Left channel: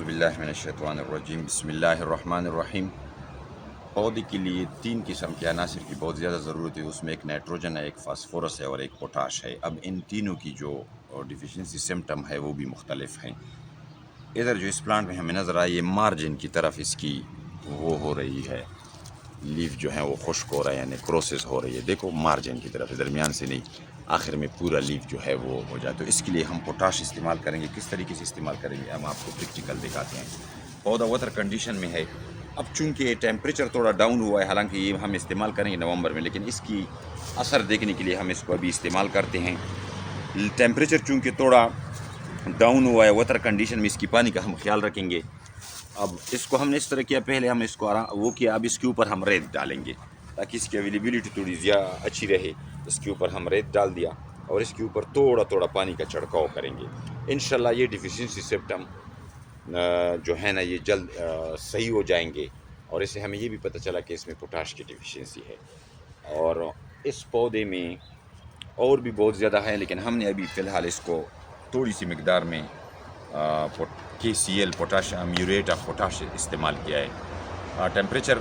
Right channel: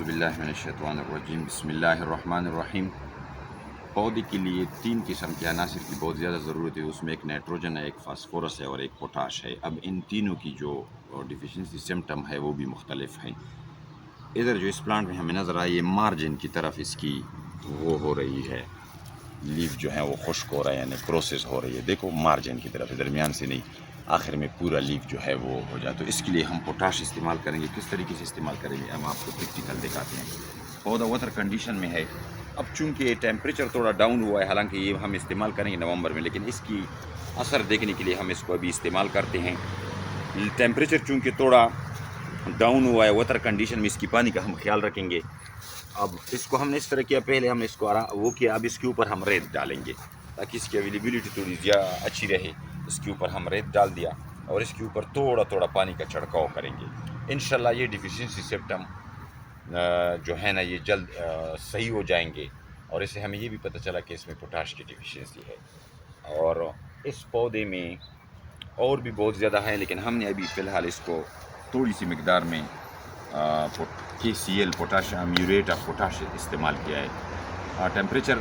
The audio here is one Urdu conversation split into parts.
اعوذ باللہ من الشیطان الرجیم بسم اللہ الرحمن الرحیم۔ پودے کے لیے 3 قسم کے عناصر کی بہت زیادہ ضرورت ہے، اس میں ایک نائٹروجن ہے، ایک فاسفورس ہے اور ایک پوٹاش ہے۔ اب ان تینوں کی جو ڈیفیشنسی سمٹم ہے وہ بھی مختلف ہیں۔ ادھر جو اس پلانٹ میں ہمیں نظر آئی ہے مارجن کی طرف اس کی وہ ہو رہی ہے، لیف جو ہے وہ خشک ہو رہا ہے، یعنی کروسس ہو رہی ہے۔ دیکھو مارجن کی طرف، درمیان سے نہیں، آخر میں پورا لیف جو ہے وہ ہو جائے۔ تو اس کے لیے ہم پوٹاش استعمال کریں گے۔ کس طریقے سے استعمال کریں گے ہم آپ کو پریکٹیکل دکھاتے ہیں۔ پودا واٹر کنڈیشن میں ہے۔ اب چونکہ ٹیمپریچر تھوڑا ڈاؤن ہوا ہے، حالانکہ یہ ہم استعمال کریں گے نومبر میں، لیکن اس کی اثر دیکھنے کے لیے ہم اس کو ابھی استعمال کرتے ہیں۔ ٹیمپریچر چونکہ تھوڑا ڈاؤن ہوا ہے، واٹر کنڈیشن میں اس کی پانی کا ہم خیال رکھیں گے۔ اب اس کو ہم نے اس طرح کیا، پہلے ہم نے اس کو وہ کیا، اب اس کے اوپر ہم ریت ڈالیں گے تاکہ اس کی اویلیبلٹی تھوڑی زیادہ اچھی رہے۔ اس کے اوپر ہم ریت ڈال دیا اور اس کے اوپر تھوڑا تھوڑا پانی کا چھڑکاؤ کریں گے۔ انشاءاللہ یہ ڈیفیشنسی سمپٹم جو ہے نا یہ جلد صحیح ہو جائیں گے، اور اس سے ہمیں یہ بھی پتہ چلا کہ اس میں پوٹاش کی ڈیفیشنسی ہے۔ اور اس پودے میں اور بھی بہت زیادہ ہیں، لیکن ہم نے ابھی فی الحال اس کو تھوڑی سی مقدار میں KCl پوٹاشیم میوریٹ آف پوٹاش استعمال کیا ہے۔ ٹیمپریچر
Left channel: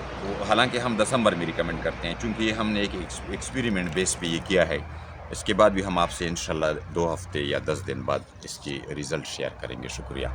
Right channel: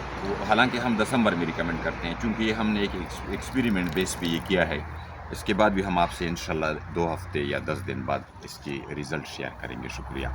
حالانکہ ہم دسمبر میں ریکمنڈ کرتے ہیں، چونکہ یہ ہم نے ایک ایکسپیریمنٹ بیس پہ یہ کیا ہے۔ اس کے بعد بھی ہم آپ سے انشاءاللہ 2 ہفتے یا 10 دن بعد اس کی ریزلٹ شیئر کریں گے۔ شکریہ۔